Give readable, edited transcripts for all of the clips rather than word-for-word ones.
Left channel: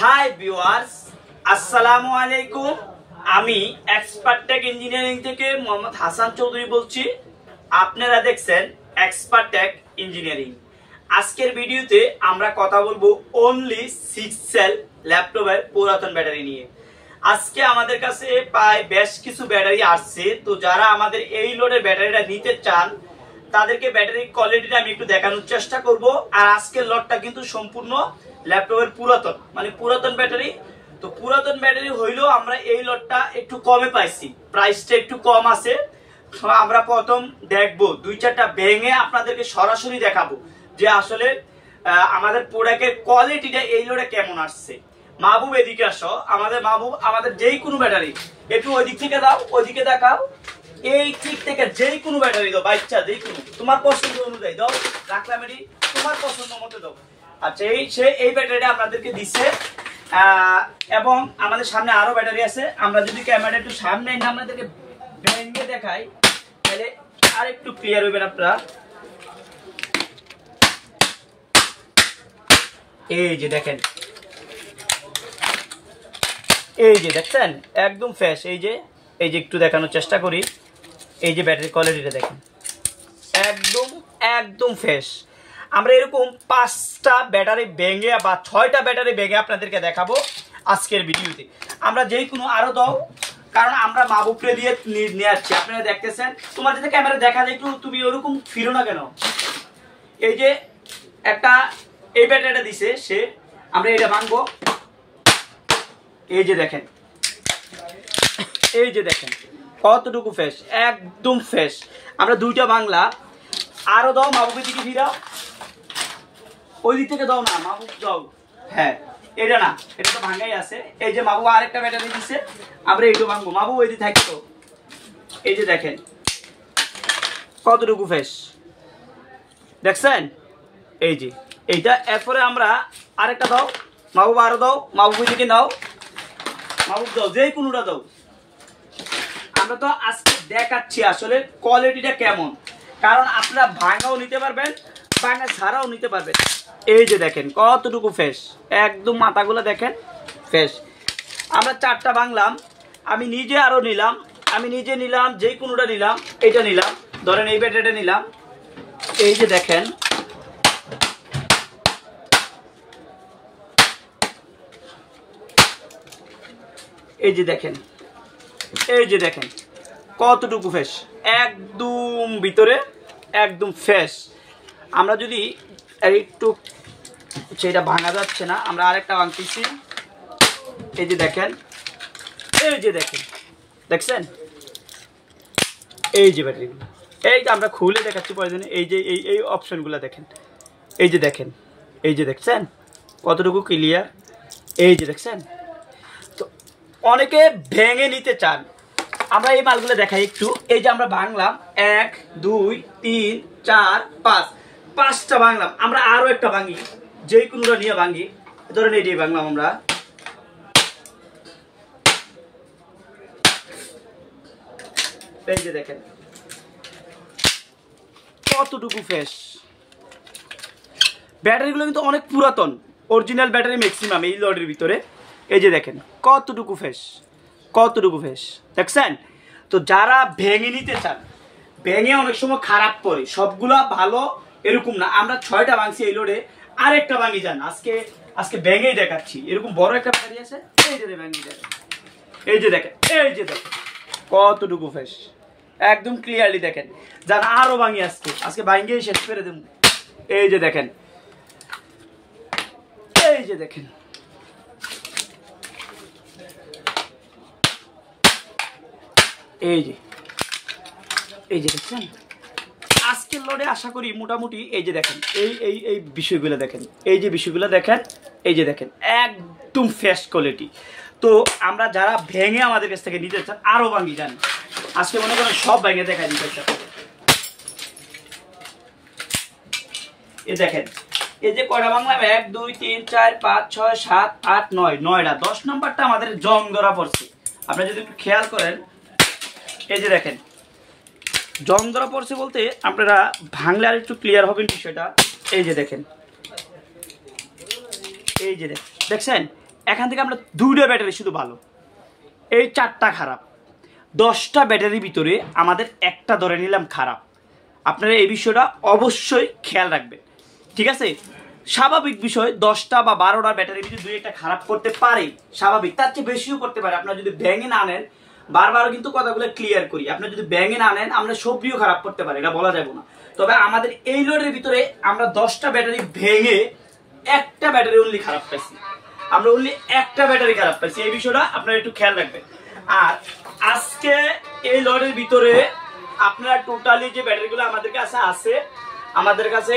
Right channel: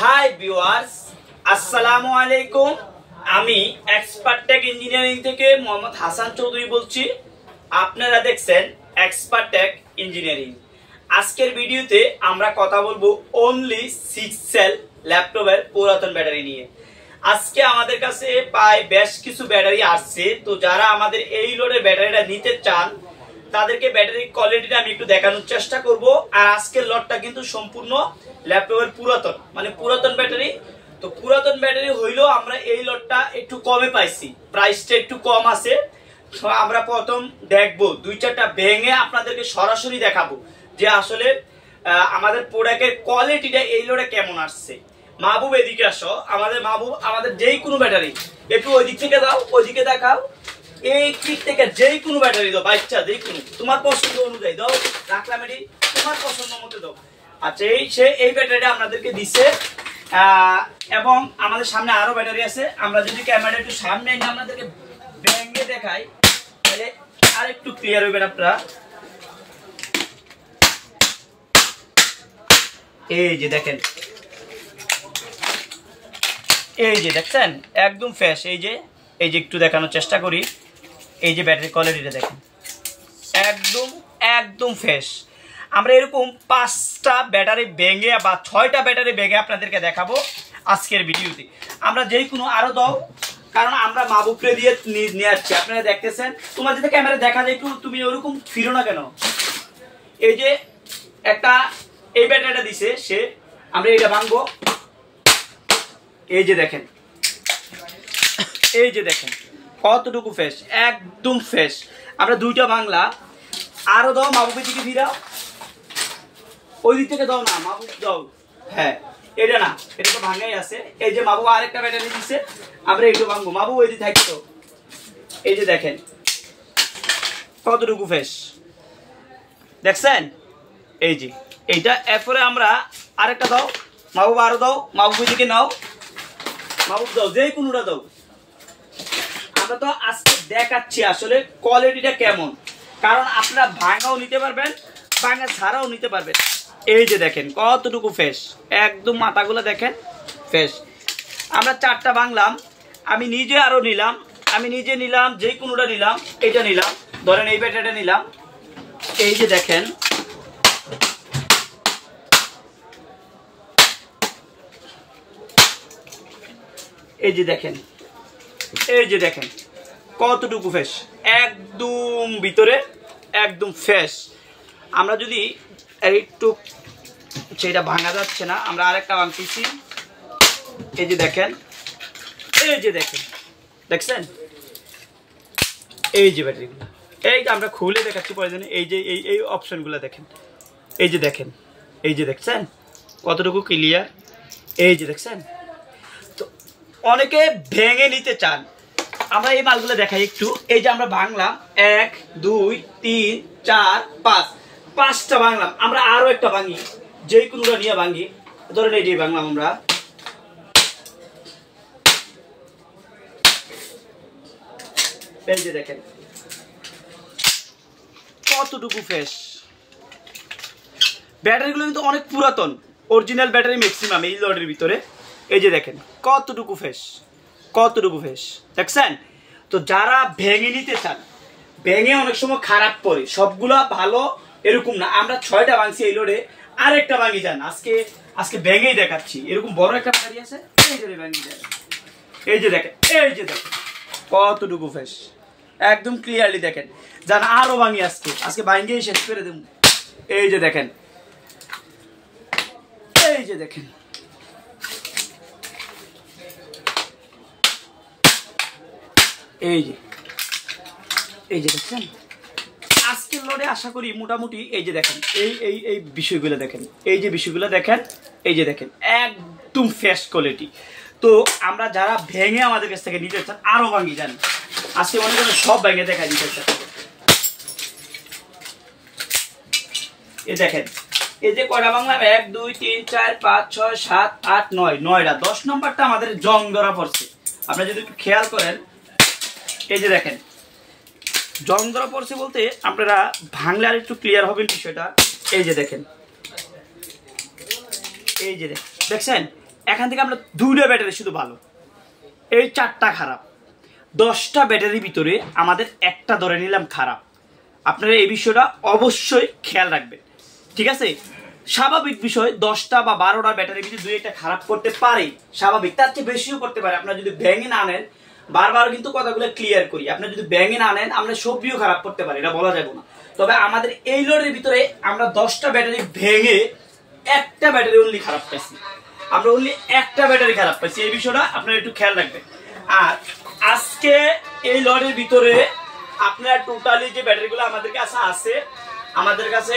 Hi viewers, আসসালামু আলাইকুম। আমি এক্সপার্ট টেক ইঞ্জিনিয়ারিং থেকে মোহাম্মদ হাসান চৌধুরী বলছি। আপনারা দেখছেন এক্সপার্ট টেক ইঞ্জিনিয়ারিং। আজকের ভিডিওতে আমরা কথা বলবো অনলি 6 সেল ল্যাপটপের পুরাতন ব্যাটারি নিয়ে। আজকে আমাদের কাছে প্রায় বেশ কিছু ব্যাটারি আসছে, তো যারা আমাদের এই লোডের ব্যাটারিটা নিতে চান তাদেরকে ব্যাটারির কোয়ালিটিটা আমি একটু দেখানোর চেষ্টা করব। আর আজকের লটটা কিন্তু সম্পূর্ণ ল্যাপটপের পুরাতন, মানে পুরাতন ব্যাটারি। তো পুরাতন ব্যাটারি হইলেও আমরা এই লটটা একটু কমে পাইছি, প্রাইসটা একটু কম আছে। তো আমরা প্রথম দেখবো, 2-4টা ভেঙে আপনাদেরকে সরাসরি দেখাবো যে আসলে আমাদের প্রোডাক্টের কোয়ালিটিটা এই লোডে কেমন আসছে। মাহবুব এদিকে আসো, আমাদের মাহবুব আমাদের যেই কোনো ব্যাটারি একটু ওই দিক থেকে দাও, ওইদিকে দেখাও। এই দিক থেকে যেই কোনো ব্যাটারি দাও, বাচ্চা যেই কোনো তোমার পছন্দ অনুযায়ী দাও, রাখলাম এটি তোমার পছন্দ মতো দাও। আচ্ছা, এই ব্যাটারিটা আপনাদেরকে দিচ্ছে, এবং আমাদের সামনে আরো ব্যাটারি আছে। আমরা যদি ক্যামেরা একটু সামনে এনে আপনাদেরকে ভেঙে দেখাই তাহলে আর একটু ক্লিয়ার হইবেন আপনারা। এই যে দেখেন, এই যে দেখছেন একদম ফ্রেশ। এই যে একটু দেখানোর চেষ্টা করি, এই যে ব্যাটারি কোয়ালিটিটা দেখেন একদম ফ্রেশ। আমরা এরকম 5টা ব্যাটারি ভেঙে বা 6টা ব্যাটারি ভেঙে আপনাদেরকে দেখাবো আজকের ভিডিওতে। আমরা যেই কোনো আরো দাও, কারণ আমরা মাহবুবকে দিয়ে নিয়ে আসছি। আপনারা দেখতেছেন, তোমার যদি ক্যামেরা দেখা যায় একটু, তুমি ওরকম ফিরো না কেন। এই যে একটা এই ব্যাটারিটা দিছে সে, আমরা এটা ভাঙবো। এই যে দেখেন, এই যে দেখেন কতটুকু ফ্রেশ, একদম ফ্রেশ। আমরা 2টা বাংলা আরো দাও, মাহবুবের দিকে ফিরাও, ওই দিক থেকে দাও না মাহবুব, দাও। হ্যাঁ, এটা না, এটা তো ভাঙাই আছে। এই যে মাহবুব আরেকটা ব্যাটারি দিচ্ছে, আমরা এইটু ভাঙবো। মাহবুব ওই দিকে থাকতো। এই যে দেখেন কতটুকু ফ্রেশ দেখছেন। এই যে এইটা, এরপরে আমরা আরেকটা দাও, মাহবুব আরো দাও, মাহবুব ওই দিকে নাও, মাহবুব দাও, যেই কোনোটা দাও। আমরা তো আজকে দেখাচ্ছি আসলে কোয়ালিটিটা কেমন, কারণ আপনারা ভাঙাও নিতে পারবেন, ভাঙা ছাড়াও নিতে পারবেন। এই যে দেখেন কতটুকু ফ্রেশ, একদম মাথাগুলো দেখেন ফ্রেশ। আমরা 4টা ভাঙলাম, আমি নিজে আরো নিলাম, নিলাম, যে কোনোটা নিলাম, এটা নিলাম, ধরেন এই ব্যাটারিটা নিলাম। এই যে দেখেন, এই যে দেখেন, এই যে দেখেন কতটুকু ফ্রেশ, একদম ভিতরে একদম ফ্রেশ। আমরা যদি একটু, সেটা ভাঙা যাচ্ছে না, আমরা আরেকটা ভাঙতেছি। এই যে দেখেন, এই যে দেখেন, দেখছেন এই যে ব্যাটারিগুলো, এই যে আমরা খুলে দেখাচ্ছি প্রয়োজনে। এই যে এই অপশনগুলো দেখেন, এই যে দেখেন, এই যে দেখছেন কতটুকু ক্লিয়ার। এই যে দেখছেন, তো অনেকে ভেঙে নিতে চান, আমরা এই মালগুলো দেখাই একটু। এই যে আমরা ভাঙলাম 1 2 3 4 5, 5টা ভাঙলাম। আমরা আরো একটা ভাঙি, যে কোনোটা নিয়ে ভাঙি, ধরেন এই যে ভাঙলাম আমরা। এই যে দেখেন কতটুকু ফ্রেশ। ব্যাটারিগুলো কিন্তু অনেক পুরাতন, অরিজিনাল ব্যাটারি ম্যাক্সিমাম এই লটের ভিতরে। এই যে দেখেন কতটুকু ফ্রেশ, কতটুকু ফ্রেশ দেখছেন। তো যারা ভেঙে নিতে চান, ভেঙে অনেক সময় খারাপ পড়ে, সবগুলা ভালো এরকম না। আমরা 6টা ভাঙছি এই লোডে, আরেকটা ভাঙি যান। আজকে ভেঙেই দেখাচ্ছি। এরকম বড় একটা ব্যাটারি আছে, এই যে ভেঙে দেখেন, এই যে দেখেন, এই যে দেখেন কতটুকু ফ্রেশ, একদম ক্লিয়ারলি দেখেন। যান আরো ভাঙি, আজকে ভাঙিয়েই শেষ করে দেব। এই যে দেখেন, এই যে দেখেন, এই যে দেখছেন আজকের লোডে। আশা করি মোটামুটি এই যে দেখেন, এই বিষয়গুলো দেখেন, এই যে বিষয়গুলো দেখেন, এই যে দেখেন একদম ফ্রেশ কোয়ালিটি। তো আমরা যারা ভেঙে আমাদের কাছ থেকে নিতে চান, আরো ভাঙি যান। আজকে মনে করেন সব ভেঙে দেখা দিতে চান। এই দেখেন, এই যে কয়টা ভাঙলাম, 1 2 3 4 5 6 7 8 9, 9টা। 10 নম্বরটা আমাদের জং ধরা পড়ছে। আপনারা যদি খেয়াল করেন, এই যে দেখেন জং ধরা পড়ছে বলতে আপনারা ভাঙলে আর একটু ক্লিয়ার হবেন বিষয়টা। এই যে দেখেন, এই যে দেখছেন এখান থেকে আমরা 2টা ব্যাটারি শুধু ভালো, এই 4টা খারাপ, 10টা ব্যাটারির ভিতরে আমাদের একটা ধরে নিলাম খারাপ। আপনারা এই বিষয়টা অবশ্যই খেয়াল রাখবেন, ঠিক আছে? স্বাভাবিক বিষয় 10টা বা 12টা ব্যাটারির ভিতরে 2-1টা খারাপ করতে পারে, স্বাভাবিক, তার চেয়ে বেশিও করতে পারে। আপনারা যদি ভেঙে না নেন, বারবার কিন্তু কথাগুলো ক্লিয়ার করি, আপনারা যদি ভেঙে না নেন আমরা সবজিও খারাপ করতে পারি, এটা বলা যাবে না। তবে আমাদের এই লোডের ভিতরে আমরা 10টা ব্যাটারি ভেঙে একটা ব্যাটারি অনলি খারাপ পাইছি, আমরা অনলি একটা ব্যাটারি খারাপ পাইছি, এই বিষয়টা আপনারা একটু খেয়াল রাখবেন। আর আজকে এই লটের ভিতরে আপনারা টোটালি যে ব্যাটারিগুলো আমাদের কাছে আছে, আমাদের কাছে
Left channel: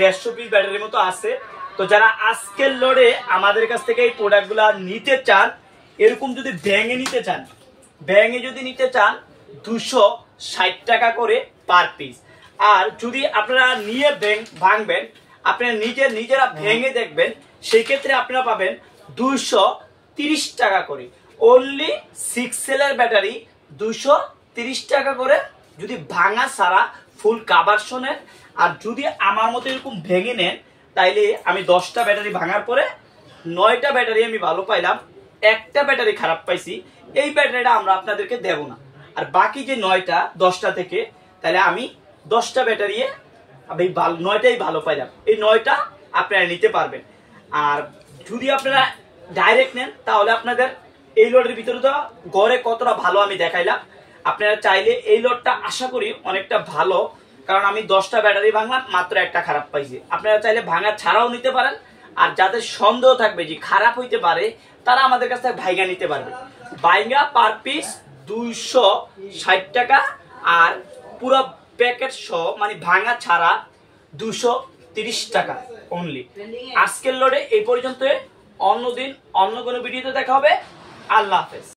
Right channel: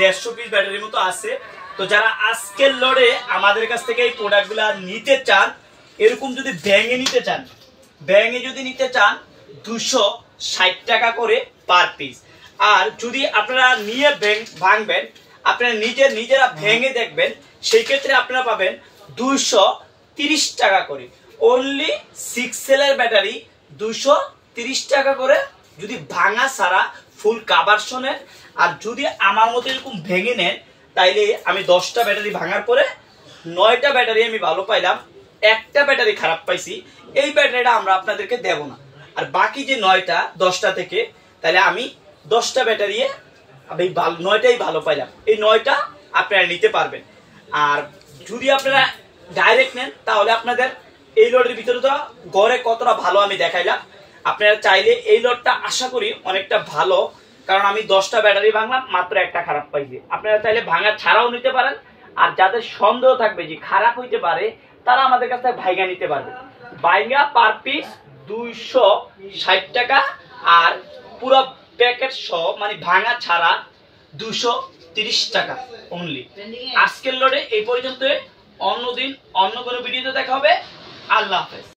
150 পিস ব্যাটারির মতো আছে। তো যারা আজকের লটে আমাদের কাছ থেকে এই প্রোডাক্টগুলো নিতে চান, এরকম যদি ভেঙে নিতে চান, ভেঙে যদি নিতে চান 260 টাকা করে পার পিস। আর যদি আপনারা নিয়ে ভাঙবেন, আপনারা নিজেরা ভেঙে দেখবেন, সেই ক্ষেত্রে আপনারা পাবেন 230 টাকা করে। অনলি 6 সেলের ব্যাটারি 230 টাকা করে যদি ভাঙা সারা ফুল কাভারশনের। আর যদি আমার মতো এরকম ভেঙে নেন, তাইলে আমি 10টা ব্যাটারি ভাঙার পরে 9টা ব্যাটারি আমি ভালো পাইলাম, একটা ব্যাটারি খারাপ পাইছি, এই ব্যাটারিটা আমরা আপনাদেরকে দেব না। আর বাকি যে 9টা 10টা থেকে, তাহলে আমি 10টা ব্যাটারি আমি 9টাই ভালো পাইলাম, এই 9টা আপনারা নিতে পারবেন। আর যদি আপনারা ডাইরেক্ট নেন, তাহলে আপনাদের এই লটের ভিতরে তো গড়ে কতটা ভালো আমি দেখাইলাম। আপনারা চাইলে এই লটটা আশা করি অনেকটা ভালো, কারণ আমি 10টা ব্যাটারি ভাঙলাম, মাত্র একটা খারাপ পাইছি। আপনারা চাইলে ভাঙা ছাড়াও নিতে পারেন। আর যাদের সন্দেহ থাকবে যে খারাপ হইতে পারে, তারা আমাদের কাছ থেকে ভাইগা নিতে পারবে। ভাইগা পার পিস 260 টাকা, আর পুরো প্যাকেট সহ মানে ভাঙা ছাড়া 230 টাকা অনলি। আজকের লোডে এই পর্যন্ত, অন্যদিন অন্য কোনো ভিডিওতে দেখা হবে। আল্লাহ হাফেজ।